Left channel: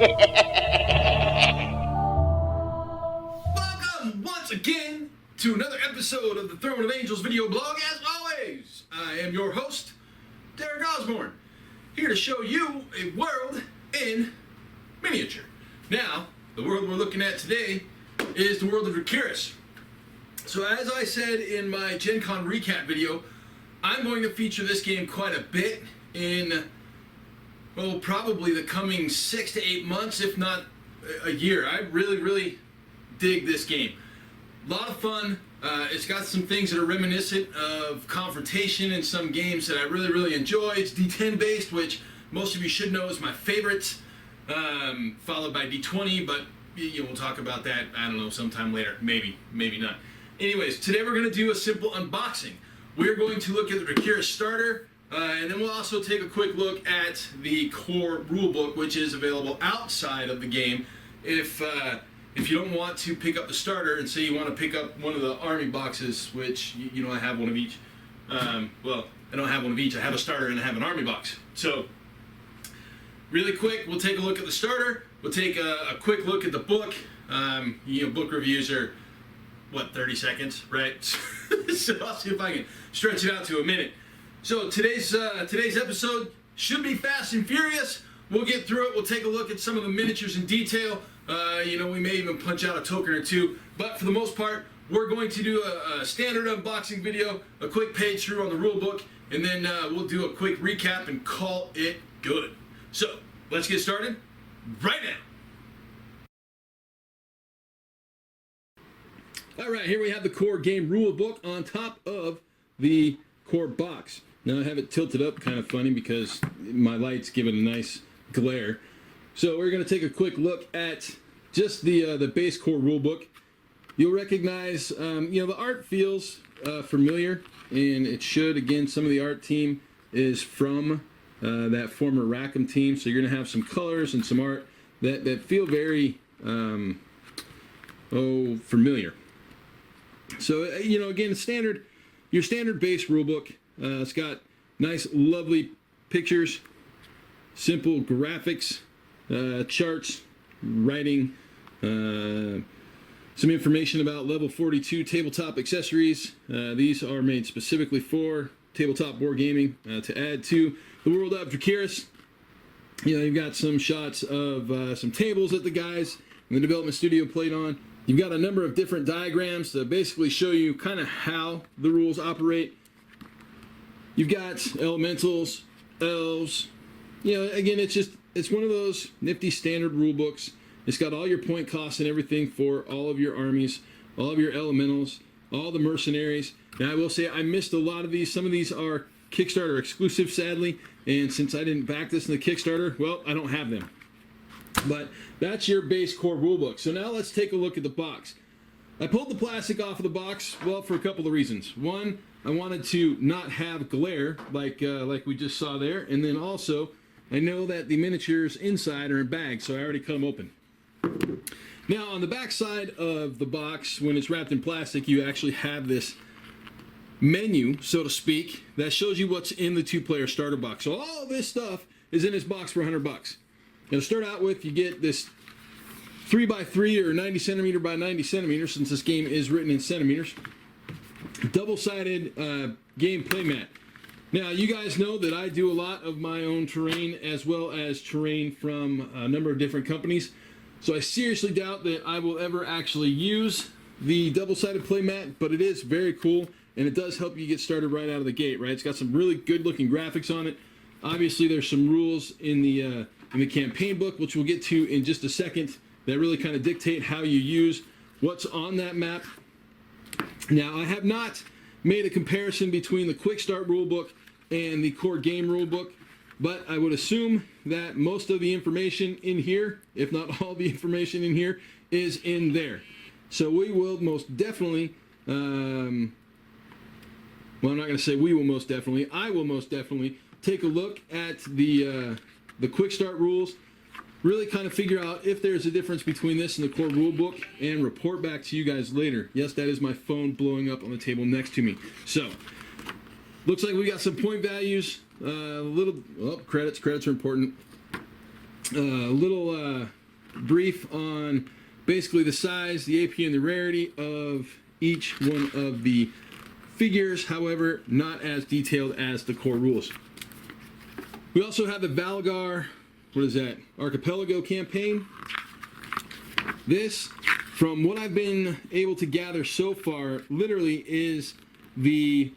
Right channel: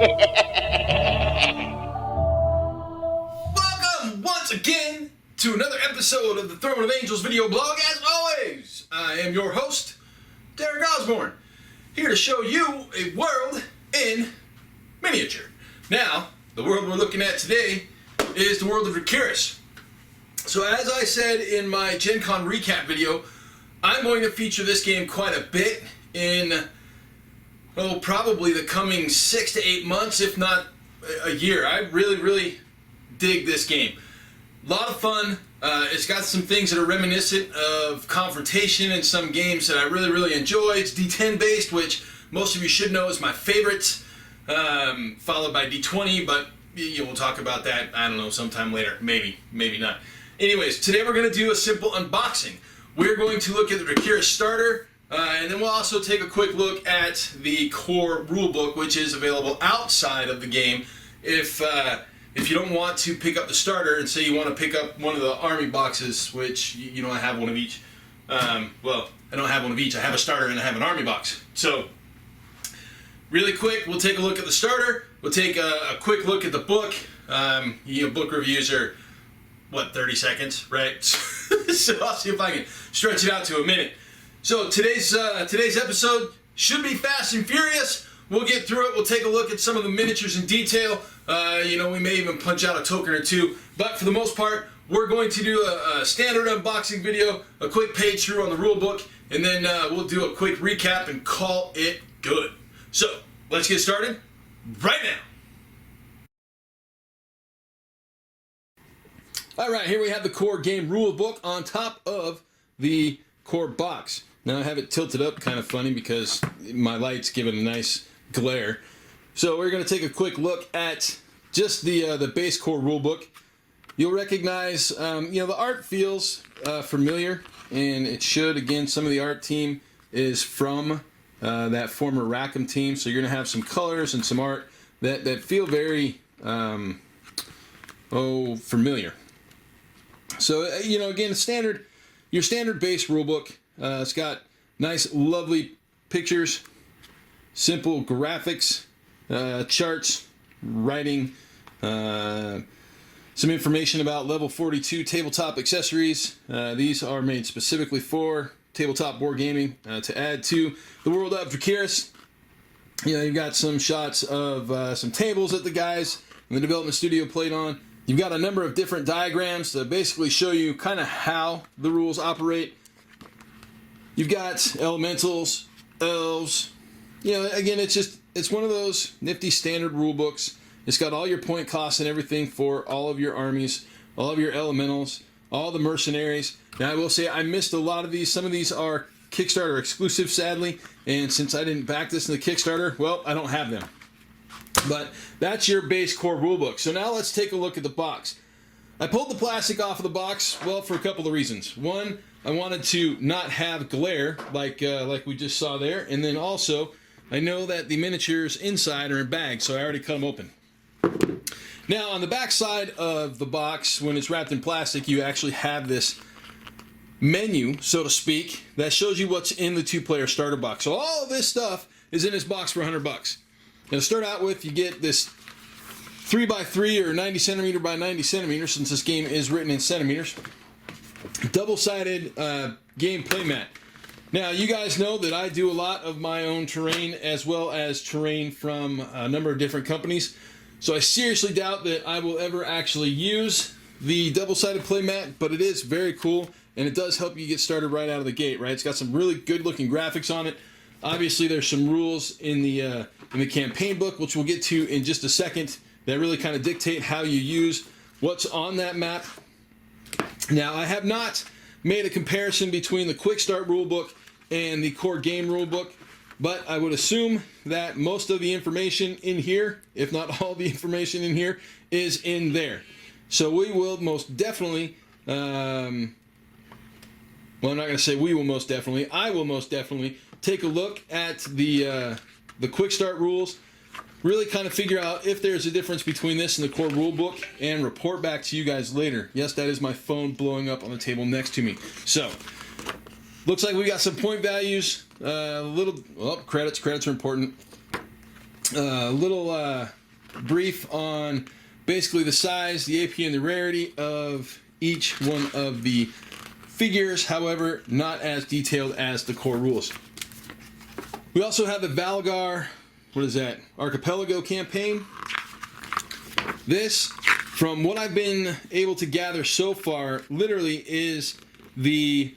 Welcome once again to another episode of the Throne of Angels video blog. As always, I am your host, Derek Osborne, here to show you a world in miniature. Now, the world we're looking at today is the world of Drakerys. So as I said in my Gen Con recap video, I'm going to feature this game quite a bit in, well, probably the coming 6 to 8 months, if not a year. I really dig this game. A lot of fun. It's got some things that are reminiscent of Confrontation and some games that I really enjoy. It's D10 based, which most of you should know is my favorite, followed by D20, but we'll talk about that, I don't know, sometime later. Maybe not. Anyways, today we're going to do a simple unboxing. We're going to look at the Drakerys starter, and then we'll also take a quick look at the core rulebook, which is available outside of the game. If you don't want to pick up the starter and say you want to pick up one of the army boxes, which, I have one of each. Well, I don't have one of each. I have a starter and I have an army box. So, really quick, we'll take a look at the starter. We'll take a quick look at the book. Book reviews are, 30 seconds, right? So I'll see if I can stretch it out to a minute. So today's episode should be fast and furious. We'll get through it. We'll take a look at some of the miniatures in detail. We may even punch out a token or two. But for the most part, we're going to do a standard unboxing video, a quick page through on the rule book, and then we'll do a quick recap and call it good. So let's get started right now. All right, here we have the core game rule book on top of the core box. Now I have it tilted up, kind of funny because my light's giving a nice glare. So we're going to take a quick look at just the base core rule book. You'll recognize, the art feels familiar, and it should. Again, some of the art team is from that former Rackham team, so you're going to have some colors and some art that feel very familiar. So, again, your standard base rulebook. It's got nice, lovely pictures, simple graphics, charts, writing, some information about level 42 tabletop accessories. These are made specifically for tabletop board gaming to add to the world of Drakerys. You've got some shots of some tables that the guys in the development studio played on. You've got a number of different diagrams to basically show you kind of how the rules operate. You've got elementals, elves. Again, it's one of those nifty standard rule books. It's got all your point costs and everything for all of your armies, all of your elementals, all the mercenaries. Now, I will say I missed a lot of these. Some of these are Kickstarter exclusive, sadly. And since I didn't back this in the Kickstarter, well, I don't have them. But that's your base core rulebook. So now let's take a look at the box. I pulled the plastic off of the box, well, for a couple of reasons. One, I wanted to not have glare like we just saw there, and then also I know that the miniatures inside are in bags, so I already cut them open. Now on the back side of the box, when it's wrapped in plastic, you actually have this menu, so to speak, that shows you what's in the two-player starter box. So all of this stuff is in this box for $100. Now to start out with, you get this 3x3 or 90 centimeter by 90 centimeters, since this game is written in centimeters, double-sided game playmat. Now, you guys know that I do a lot of my own terrain as well as terrain from a number of different companies, so I seriously doubt that I will ever actually use the double-sided playmat, but it is very cool, and it does help you get started right out of the gate, right? It's got some really good-looking graphics on it. Obviously, there's some rules in the campaign book, which we'll get to in just a second, that really kind of dictate how you use what's on that map. Now, I have not made a comparison between the Quick Start rulebook and the core game rulebook, but I would assume that most of the information in here, if not all the information in here, is in there. So we will most definitely, well, I'm not going to say we will most definitely, I will most definitely take a look at the Quick Start rules, really kind of figure out if there's a difference between this and the core rule book, and report back to you guys later. Yes, that is my phone blowing up on the table next to me. So, looks like we got some point values, credits are important. little brief on basically the size, the AP, and the rarity of each one of the figures, however, not as detailed as the core rules. We also have the Valgar, what is that, Archipelago campaign. This, from what I've been able to gather so far, literally is the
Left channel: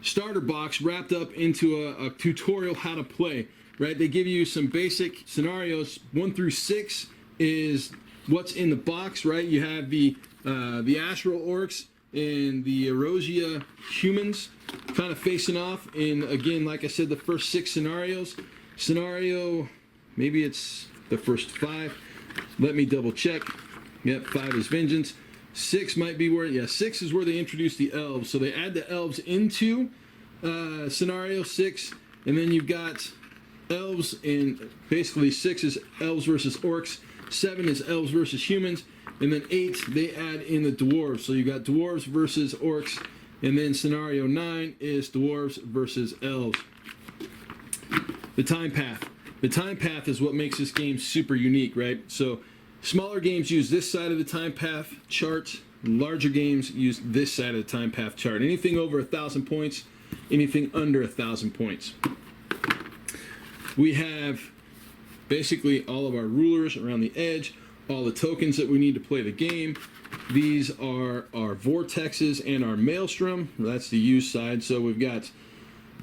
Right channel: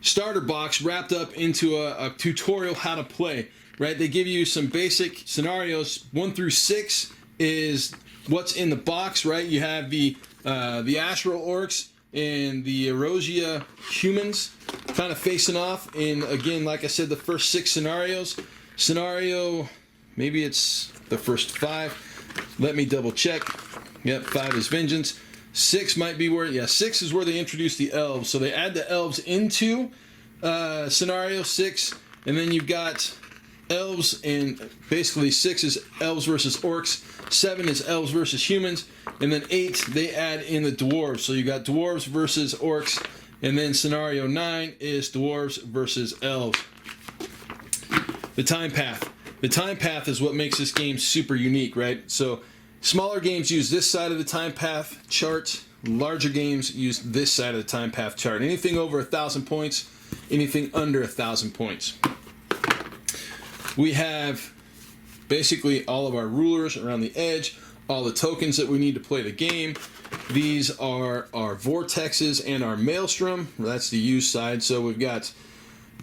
starter box wrapped up into a tutorial how to play, right? They give you some basic scenarios. 1 through 6 is what's in the box, right? You have the Astral Orcs and the Erosia humans kind of facing off in, again, like I said, the first 6 scenarios. Scenario, maybe it's the first 5. Let me double check. Yep, 5 is Vengeance. 6 might be where, yeah, 6 is where they introduce the elves. So they add the elves into scenario 6, and then you've got elves, and basically 6 is elves versus orcs, 7 is elves versus humans, and then 8 they add in the dwarves. So you got dwarves versus orcs, and then scenario 9 is dwarves versus elves. The time path. The time path is what makes this game super unique, right? So smaller games use this side of the time path chart. Larger games use this side of the time path chart. Anything over 1,000 points, anything under 1,000 points. We have basically all of our rulers around the edge, all the tokens that we need to play the game. These are our vortexes and our maelstrom. That's the use side. So we've got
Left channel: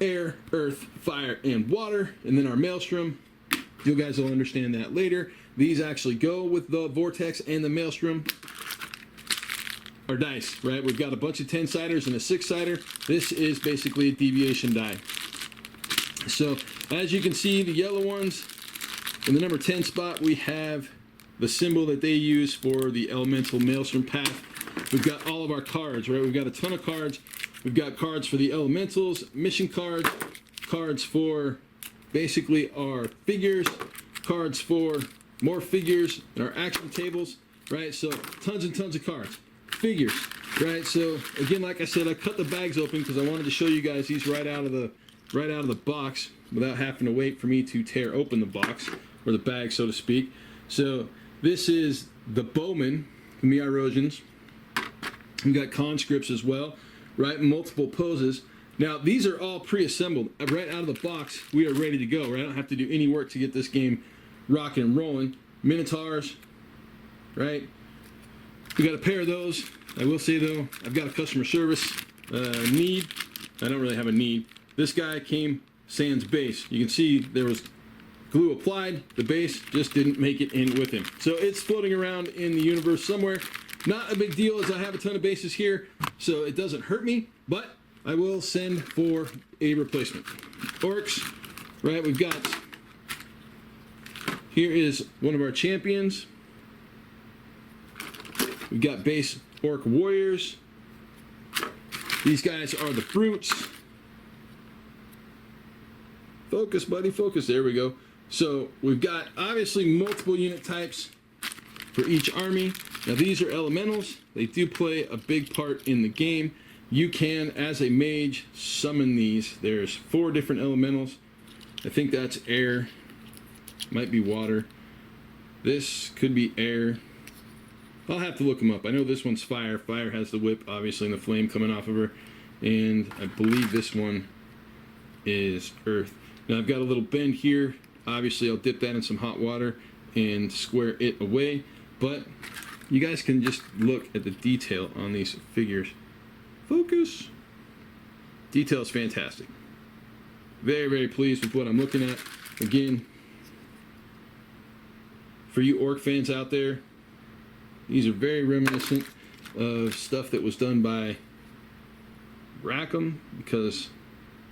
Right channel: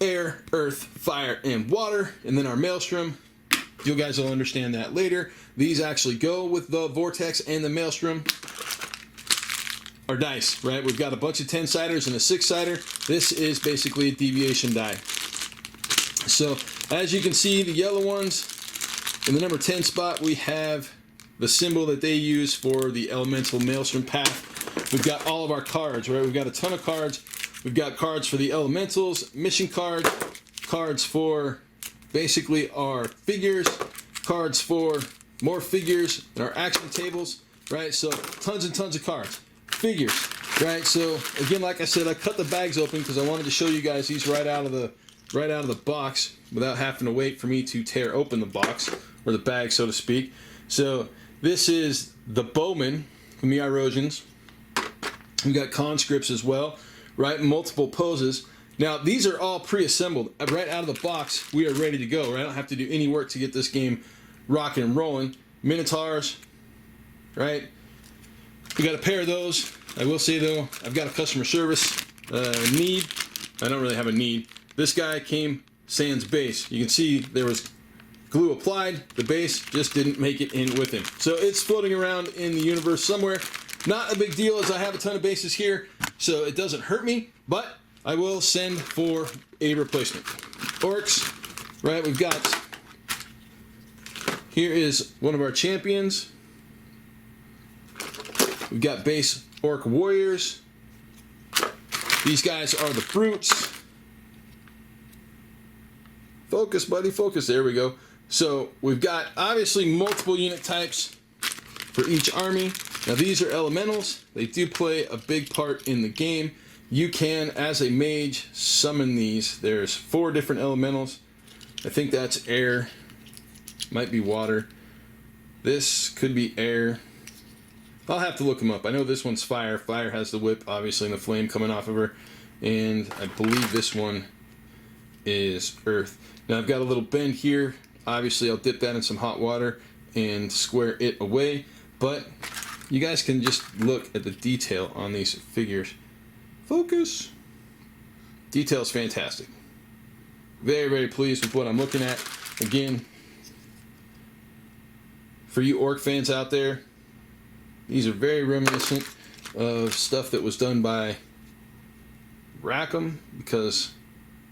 air, earth, fire, and water, and then our maelstrom. You guys will understand that later. These actually go with the vortex and the maelstrom. Our dice, right? We've got a bunch of 10-siders and a 6-sider. This is basically a deviation die. So as you can see, the yellow ones, in the number 10 spot, we have the symbol that they use for the elemental maelstrom path. We've got all of our cards, right? We've got a ton of cards. We've got cards for the elementals, mission cards, cards for basically our figures, cards for more figures, and our action tables, right? So tons and tons of cards. Figures, right? So again, like I said, I cut the bags open because I wanted to show you guys these right out of the box without having to wait for me to tear open the box or the bag, so to speak. So this is the Bowman from the Irosians. We've got conscripts as well, right? Multiple poses. Now these are all pre-assembled right out of the box. We are ready to go, right? I don't have to do any work to get this game rocking and rolling. Minotaurs, right? We got a pair of those. I will say though, I've got a customer service need. I don't really have a need. This guy came sans base. You can see there was glue applied. The base just didn't make it in with him. So it's floating around in the universe somewhere. Not a big deal as I have a ton of bases here, so it doesn't hurt me, but I will send for a replacement. Orcs, right? We've got, here is one of our champions. We've got base orc warriors. These guys are the brutes. Focus, buddy, focus. There we go. So we've got obviously multiple unit types for each army. Now these are elementals. They do play a big part in the game. You can, as a mage, summon these. There's 4 different elementals. I think that's air. Might be water. This could be air. I'll have to look them up. I know this one's fire. Fire has the whip, obviously, and the flame coming off of her. And I believe this one is earth. Now I've got a little bend here. Obviously, I'll dip that in some hot water and square it away. But you guys can just look at the detail on these figures. Focus. Detail's fantastic. Very, very pleased with what I'm looking at. Again, for you orc fans out there, these are very reminiscent of stuff that was done by Rackham because,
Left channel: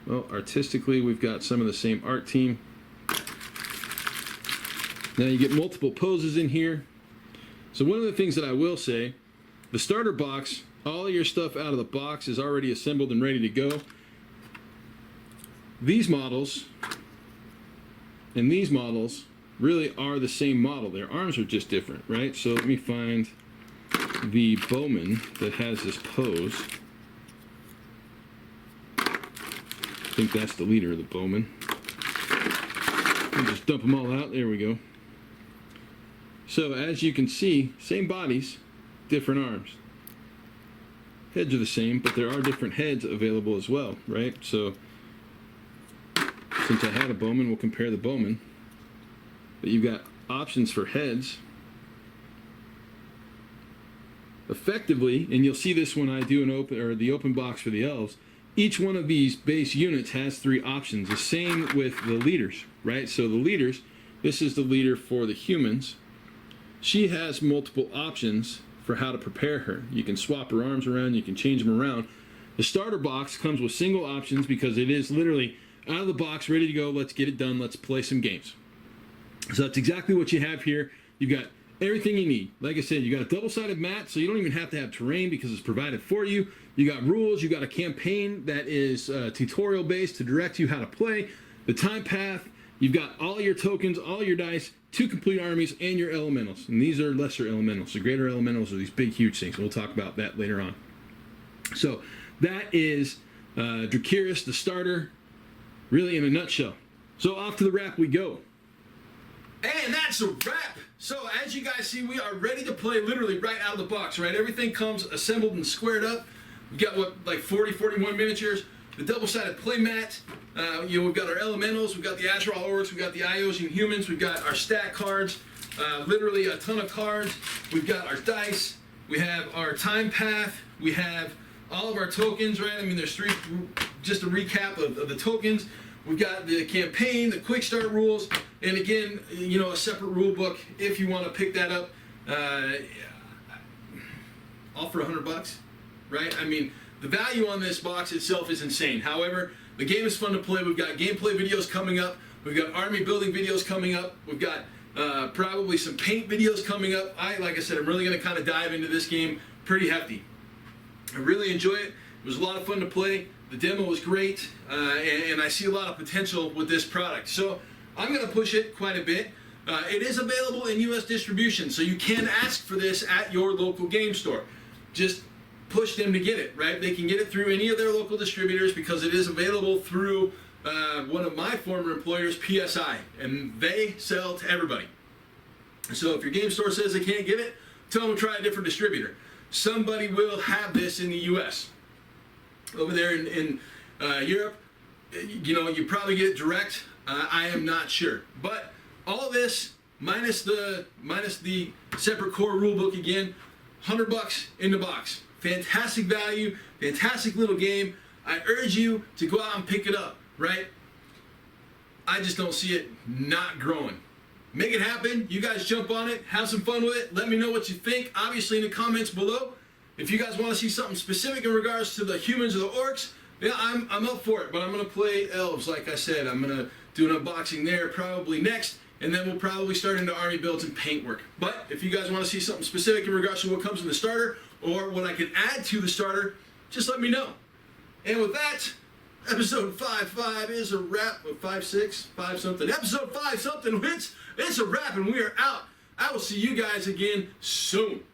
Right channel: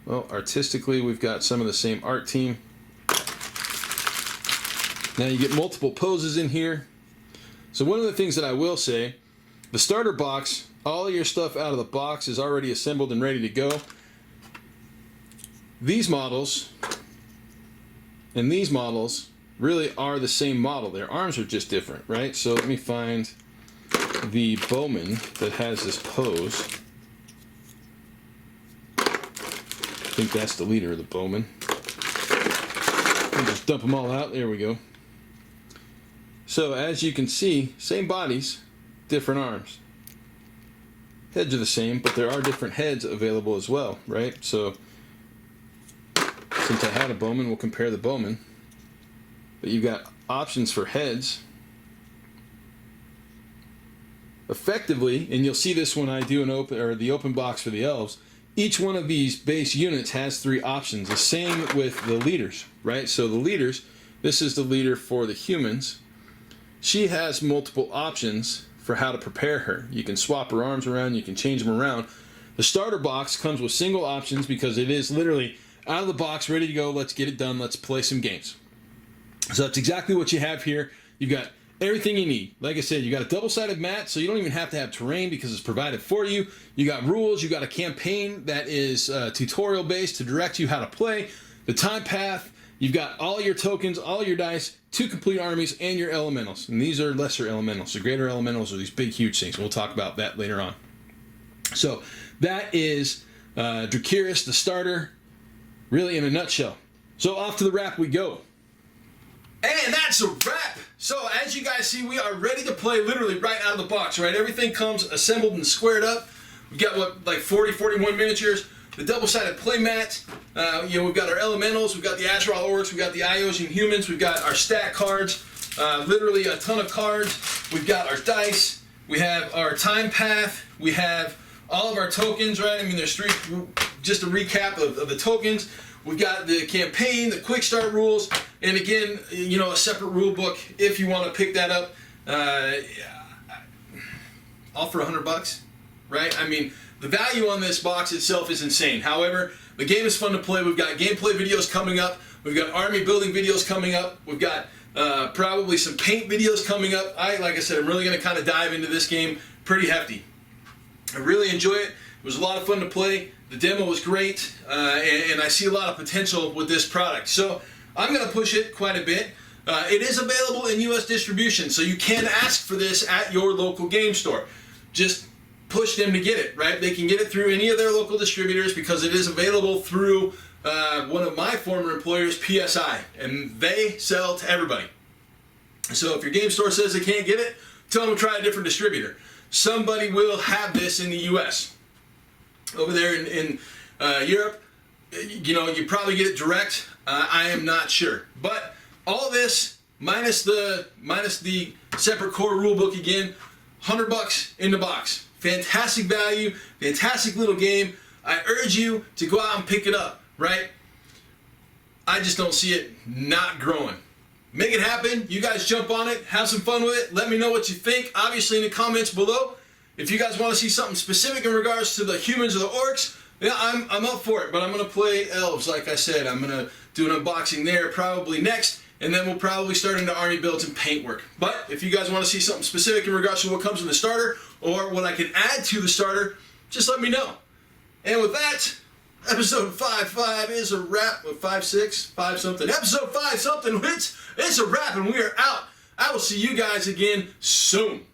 well, artistically we've got some of the same art team. Now you get multiple poses in here. So one of the things that I will say, the starter box, all of your stuff out of the box is already assembled and ready to go. These models and these models really are the same model. Their arms are just different, right? So let me find the Bowman that has this pose. I think that's the leader of the Bowman. I'll just dump them all out. There we go. So as you can see, same bodies, different arms. Heads are the same, but there are different heads available as well, right? So since I had a Bowman, we'll compare the Bowman. But you've got options for heads. Effectively, and you'll see this when I do the open box for the elves, each one of these base units has 3 options. The same with the leaders, right? So the leaders, this is the leader for the humans. She has multiple options for how to prepare her. You can swap her arms around, you can change them around. The starter box comes with single options because it is literally out of the box, ready to go, let's get it done, let's play some games. So that's exactly what you have here. You've got everything you need. Like I said, you got a double-sided mat, so you don't even have to have terrain because it's provided for you. You got rules, you got a campaign that is tutorial-based to direct you how to play. The time path, you've got all your tokens, all your dice, 2 complete armies, and your elementals. And these are lesser elementals. The greater elementals are these big, huge things. We'll talk about that later on. So that is Drakerys, the starter, really in a nutshell. So off to the wrap we go. And that's a wrap. So as you guys see, we are ready to play literally right out of the box, right? Everything comes assembled and squared up. We've got like 41 miniatures, the double-sided play mat. We've got our elementals, we've got the Azeroth orcs, we've got the Iosian humans, we've got our stat cards, literally a ton of cards. We've got our dice, we have our time path, we have all of our tokens, right? I mean, there's 3, just a recap of the tokens. We've got the campaign, the quick start rules, and again, a separate rule book if you want to pick that up. All for $100, right? I mean, the value on this box itself is insane. However, the game is fun to play. We've got gameplay videos coming up. We've got army building videos coming up. We've got probably some paint videos coming up. Like I said, I'm really going to kind of dive into this game pretty hefty. I really enjoy it. It was a lot of fun to play. The demo was great, and I see a lot of potential with this product. So I'm going to push it quite a bit. It is available in U.S. distribution, so you can ask for this at your local game store. Just push them to get it, right? They can get it through any of their local distributors because it is available through one of my former employers, PSI, and they sell to everybody. So if your game store says they can't get it, tell them to try a different distributor. Somebody will have this in the U.S. Over there in Europe, you probably get it direct. I am not sure, but all this minus the separate core rulebook again, $100 in the box. Fantastic value, fantastic little game. I urge you to go out and pick it up. Right? I just don't see it not growing. Make it happen. You guys jump on it, have some fun with it. Let me know what you think. Obviously, in the comments below. If you guys want to see something specific in regards to the humans or the orcs, yeah, I'm up for it. But I'm going to play elves, like I said. I'm going to do an unboxing there probably next, and then we'll probably start into army builds and paint work. But if you guys want to see something specific in regards to what comes in the starter or what I can add to the starter, just let me know. And with that, episode 5.5 is a wrap. With 5.6, 5 something. Episode 5 something. It's a wrap, and we are out. I will see you guys again soon.